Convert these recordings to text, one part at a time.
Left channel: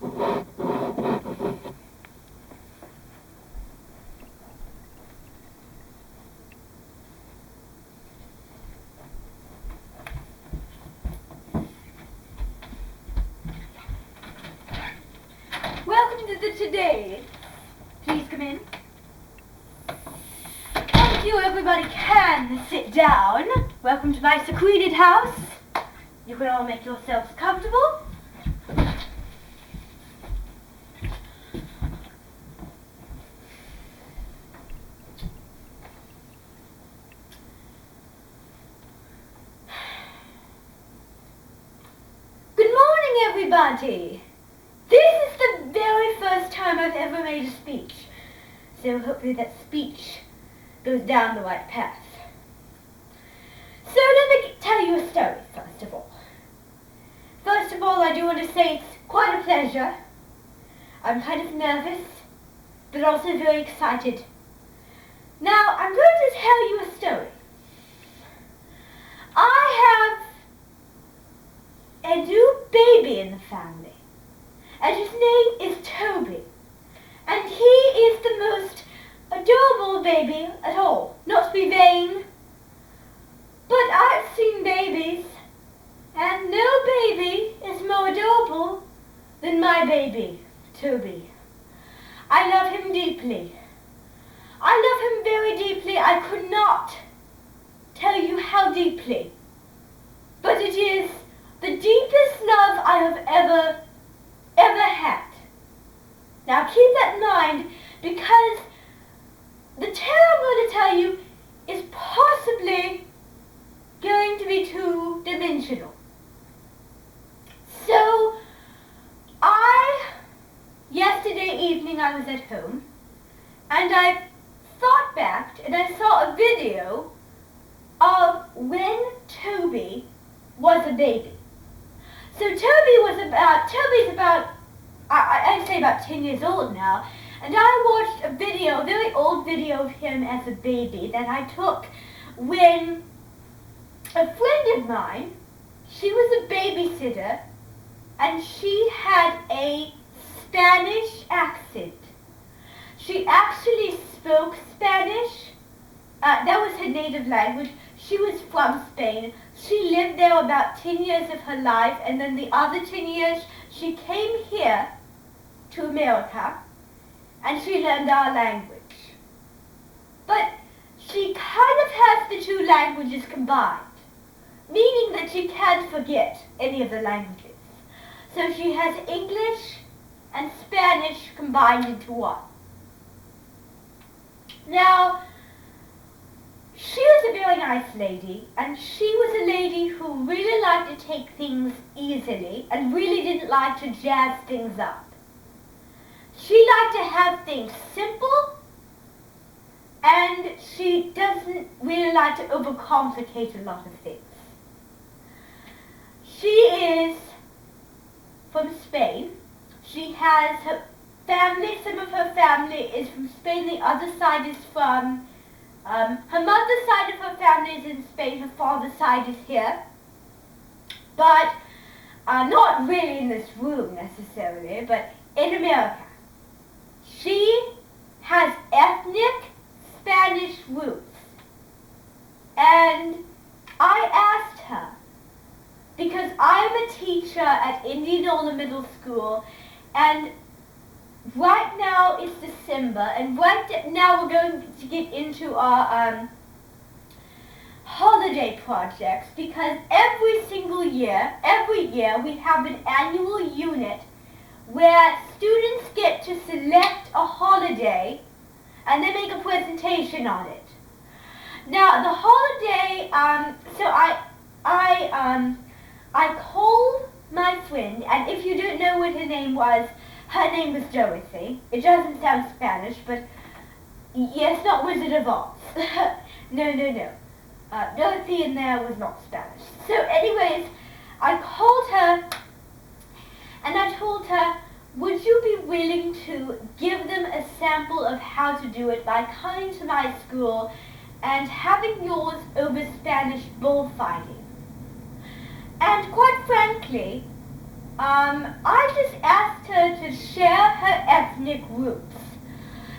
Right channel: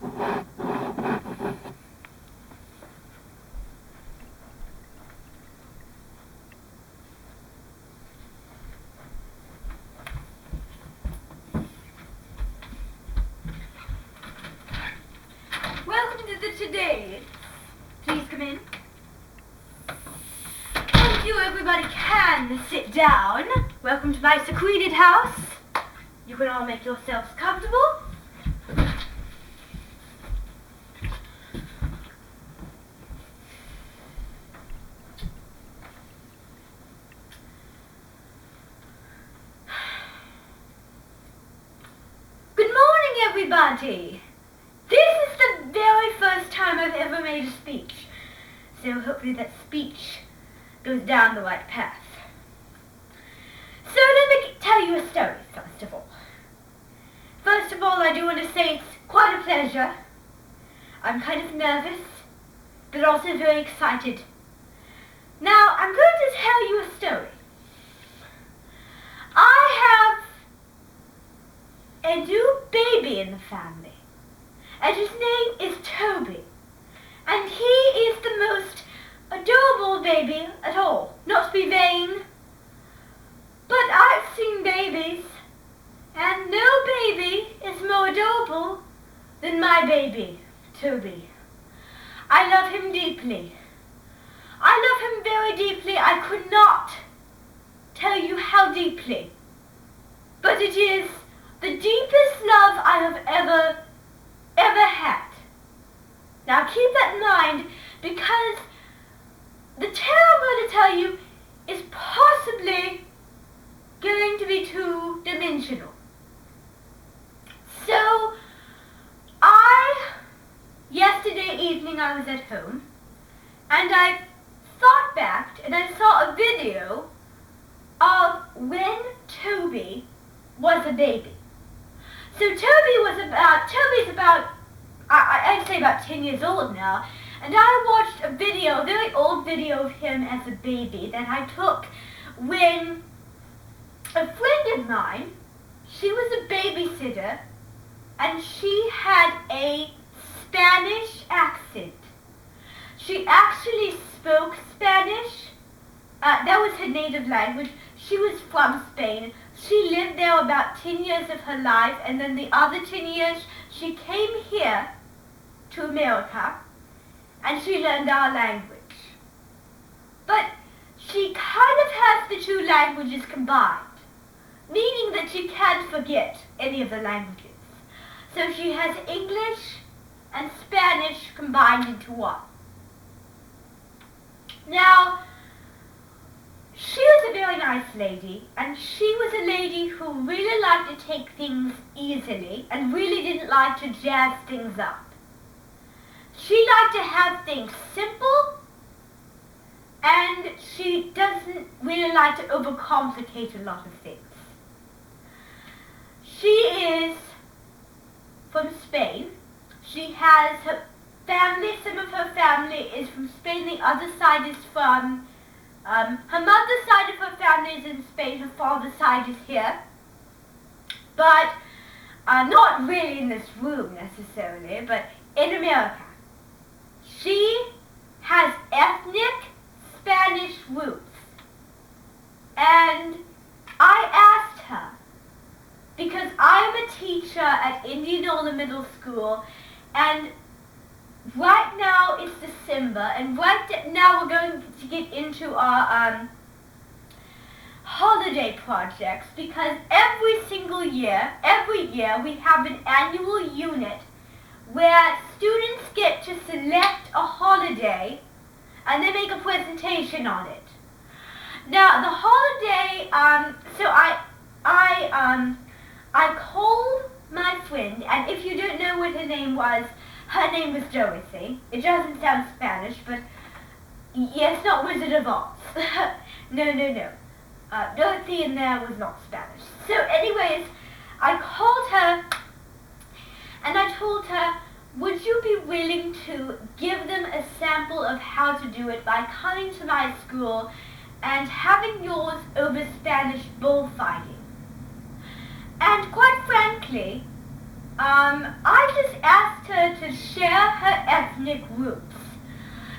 Welcome to the Today. Please come in. Thank you, everybody can sit down. Welcome to my secluded house. You can all make yourselves comfortable. Good morning, everybody. This is the very first time I've ever made a speech, so hopefully that speech goes down the right path. So let me tell you a story, first of all. First of all, I do want to say it's quite a pleasure. I'm kind of nervous, but also very excited. Now, I'm going to tell you a story. I have a new baby in the family, and his name is Toby. And he is the most adorable baby at all. Not to be vain, but I've seen babies, and no baby is more adorable than my baby, Toby. I love him deeply. I love him very deeply. I could not tell you how deeply, but it is the deepest love I have ever had. Now keep that in mind, because the tale I'm going to tell you is possibly going to be two-dimensional. So, yesterday evening I was at home, and I thought back, and I saw a video of when Toby was a baby. So Toby's about, I'd say about 10 years old now, and I watched a video, a very old video of him as a baby that I took when a friend of mine, she was a babysitter, and she had a Spanish accent. She actually spoke Spanish. That was her native language. She was from Spain. She lived there about 10 years of her life, and then the other 10 years she came here to America, and she learned our language. But she kind of has the two languages combined, meaning that she can't forget any of the languages. So she has English and Spanish combined into one. Now, she was a very nice lady, and she was a lady who really liked to take things easily and really didn't like to jazz things up. She liked to have things simple, and she doesn't really like to overcomplicate a lot of things. She is from Spain. She has her family, some of her family is from Spain, the other side is from, her mother's side of her family is in Spain, her father's side is here, but not really in this room necessarily, but in America. She has ethnic Spanish roots, and I asked her, because I'm a teacher at Indianola Middle School, and right now it's December, and right now we're going to get into our holiday projects, because every year we have an annual unit where students get to select a holiday and they make a presentation on it. Now the holiday, so I called my friend, and if you don't know what her name was Dorothy. It doesn't sound Spanish, but yes, not Wizard of Oz. No. Dorothy in there was not Spanish. So anyways, I called her, and I told her, would you be willing to give them a sample of how to do it by coming to my school and having yours over Spanish bullfighting? And quite frankly, I just asked her to share her ethnic roots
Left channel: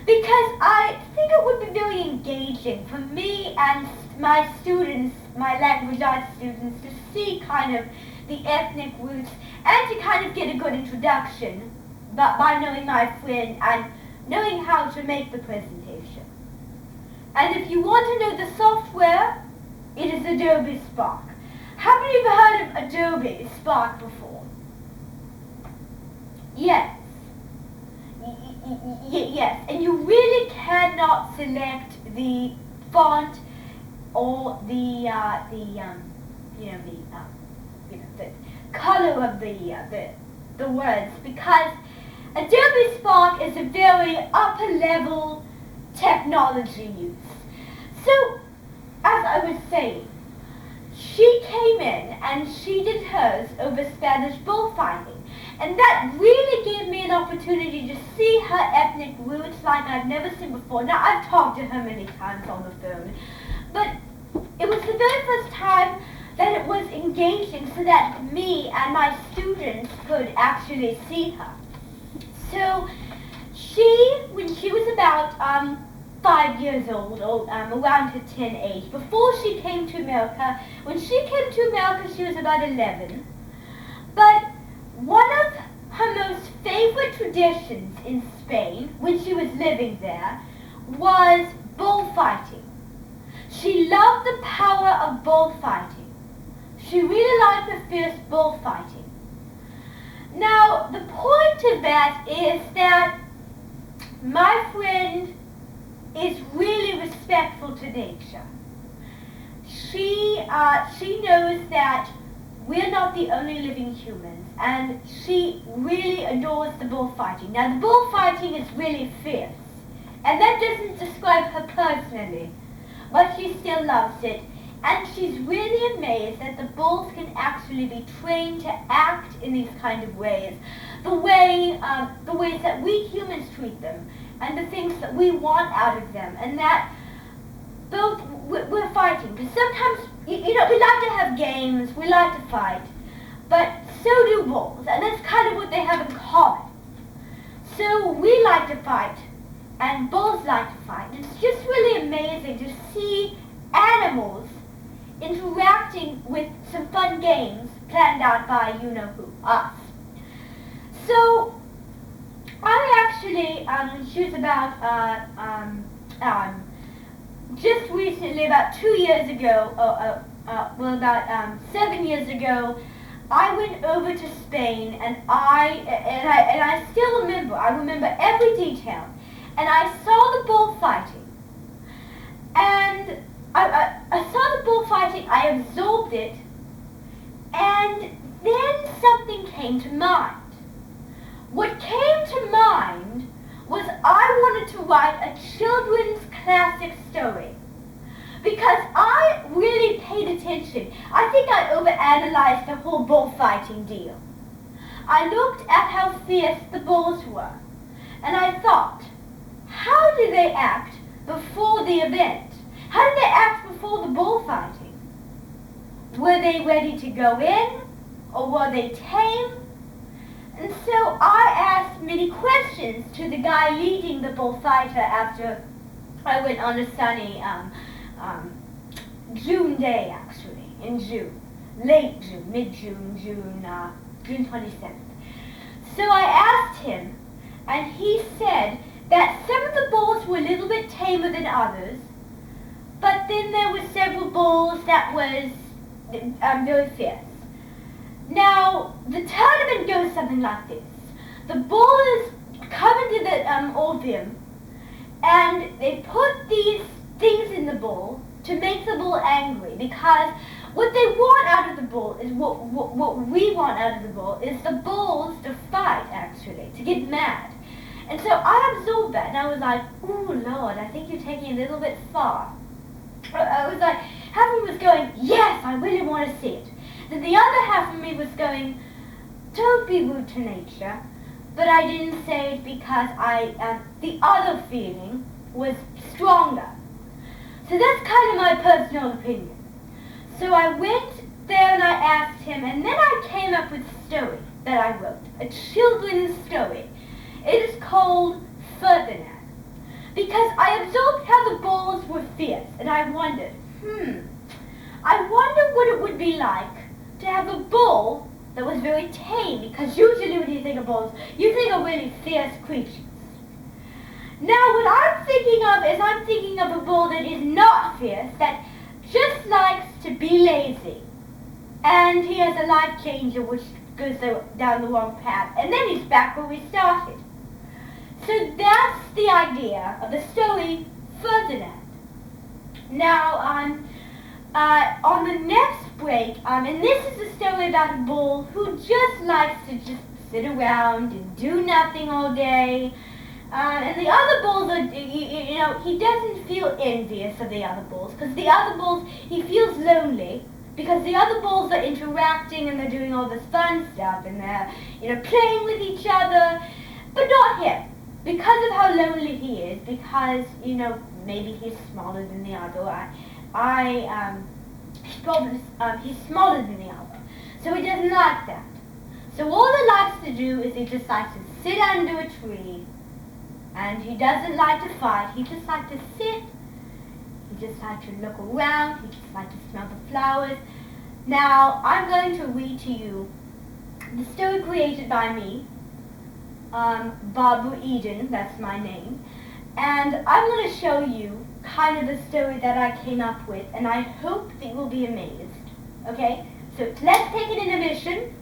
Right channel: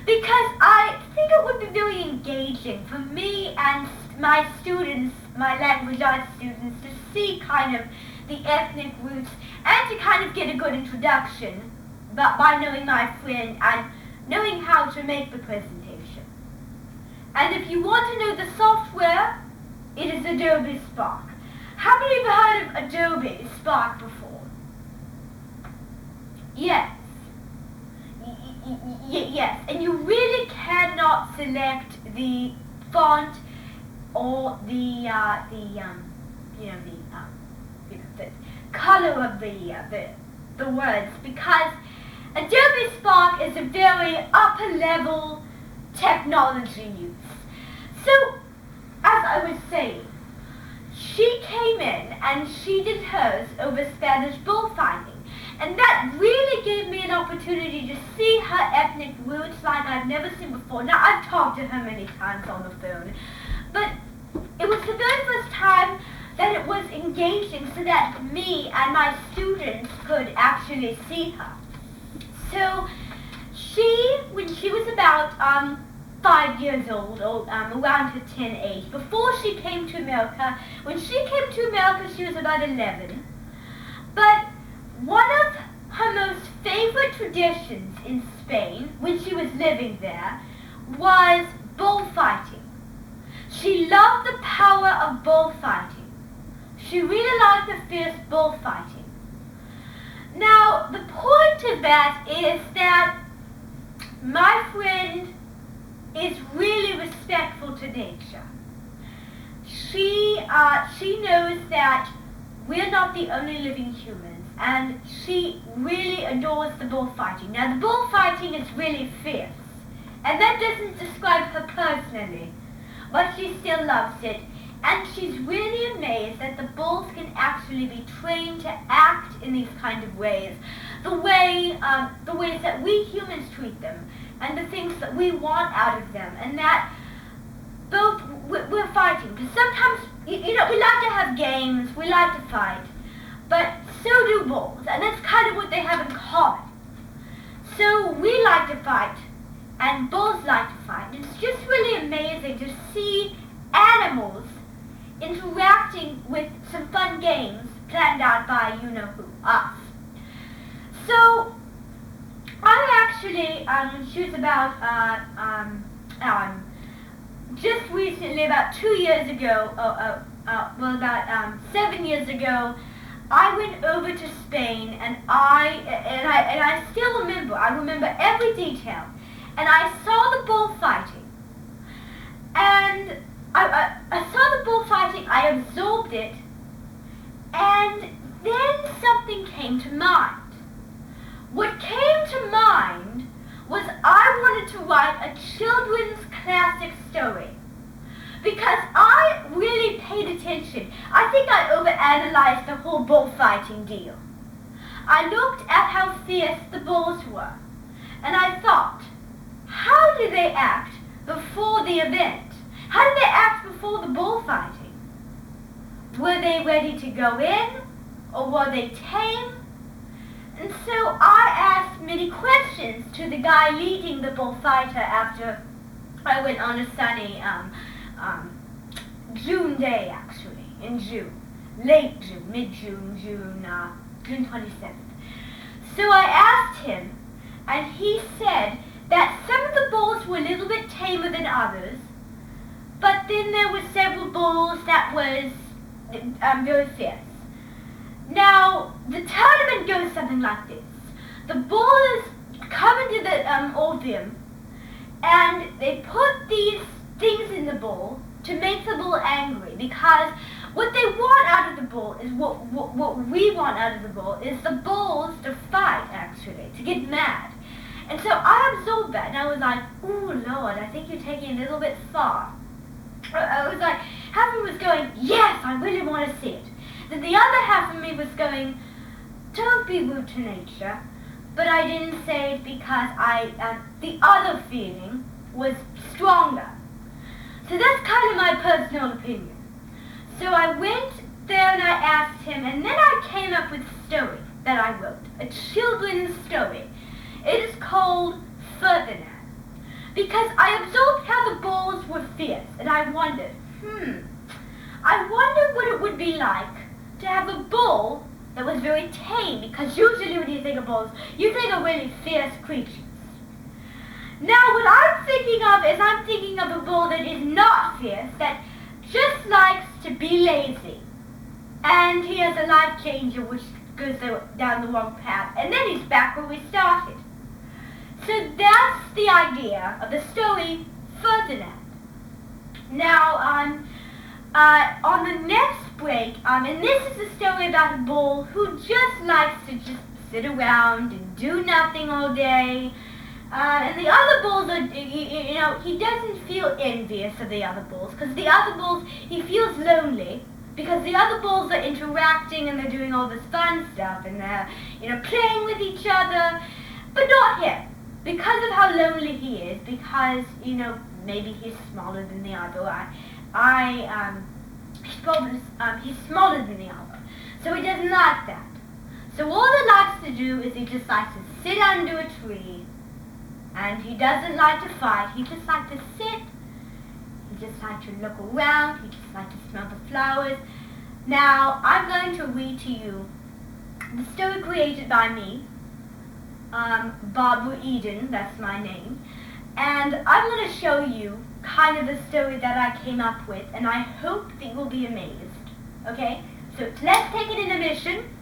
because I think it would be very engaging for me and my students, my language arts students, to see kind of the ethnic roots and to kind of get a good introduction by knowing my friend and knowing how to make the presentation. And if you want to know the software, it is Adobe Spark. How many of you have heard of Adobe Spark before? Yes. Yes, and you really cannot select the font or the color of the words, because Adobe Spark is a very upper level technology use. So, as I was saying, she came in and she did hers over Spanish bullfighting. And that really gave me an opportunity to see her ethnic roots like I've never seen before. Now, I've talked to her many times on the phone, but it was the very first time that it was engaging so that me and my students could actually see her. So, when she was about 5 years old, or around her 10 age, before she came to America, when she came to America, she was about 11. But one of her most favorite traditions in Spain, when she was living there, was bullfighting. She loved the power of bullfighting. She really liked the fierce bullfighting. Now, the point of that is that my friend is really respectful to nature. She knows that we're not the only living humans, and she really adores the bullfighting. Now, the bullfighting is really fierce, and that doesn't describe her personally, but she still loves it, and she's really amazed that the bulls can actually be trained to act in these kind of ways, the ways that we humans treat them, and the things that we want out of them, and that both we're fighting. Because sometimes, we like to have games, we like to fight, but so do bulls, and that's kind of what they have in common. So we like to fight, and bulls like to fight. It's just really amazing to see animals interacting with some fun games planned out by you-know-who, us. So, I actually, when she was about, just recently, about 2 years ago, about 7 years ago, I went over to Spain, and I still remember. I remember every detail, and I saw the bullfighting, and I saw the bullfighting. I absorbed it, and then something came to mind. What came to mind was I wanted to write a children's classic story, because I really paid attention. I think I overanalyzed the whole bullfighting deal. I looked at how fierce the bulls were, and I thought, how do they act before the event? How did they act before the bullfighting? Were they ready to go in, or were they tame? And so I asked many questions to the guy leading the bullfighter after I went on a sunny June day, actually, in June. Late June, mid-June, June 27th. So I asked him, and he said that some of the bulls were a little bit tamer than others, but then there were several bulls that was very fierce. Now, the tournament goes something like this. The bull is covered in the opium, and they put these things in the bull to make the bull angry, because what they want out of the bull is what we want out of the bull is the bulls to fight, actually, to get mad. And so I absorbed that, and I was like, ooh, Lord, I think you're taking it a little bit far. I was like, half of me was going, yes, I really want to see it. Then the other half of me was going, don't be rude to nature. But I didn't say it because the other feeling was stronger. So that's kind of my personal opinion. So I went there and I asked him, and then I came up with a story. that I wrote, a children's story. It is called Ferdinand. Because I observed how the bulls were fierce, and I wondered, I wonder what it would be like to have a bull that was very tame, because usually when you think of bulls, you think of really fierce creatures. Now what I'm thinking of is I'm thinking of a bull that is not fierce, that just likes to be lazy. And he has a life changer which goes down the wrong path, and then he's back where we started. So that's the idea of the story Ferdinand. Now, on the next break, and this is a story about a bull who just likes to just sit around and do nothing all day. And the other bulls are, he doesn't feel envious of the other bulls, because the other bulls, he feels lonely, because the other bulls are interacting and they're doing all this fun stuff, and they're, playing with each other, but not him. Because of how lonely he is, because, maybe he's smaller than the other, he's smaller than the other, so he doesn't like that. So all he likes to do is he just likes to sit under a tree, and he doesn't like to fight. He just likes to sit, he just likes to look around, he just likes to smell the flowers. Now, I'm going to read to you the story created by me, Barbara Eden, that's my name, and I'm going to show you kind of the story that I came up with, and I hope that you'll be amazed. Okay, so let's take an intermission.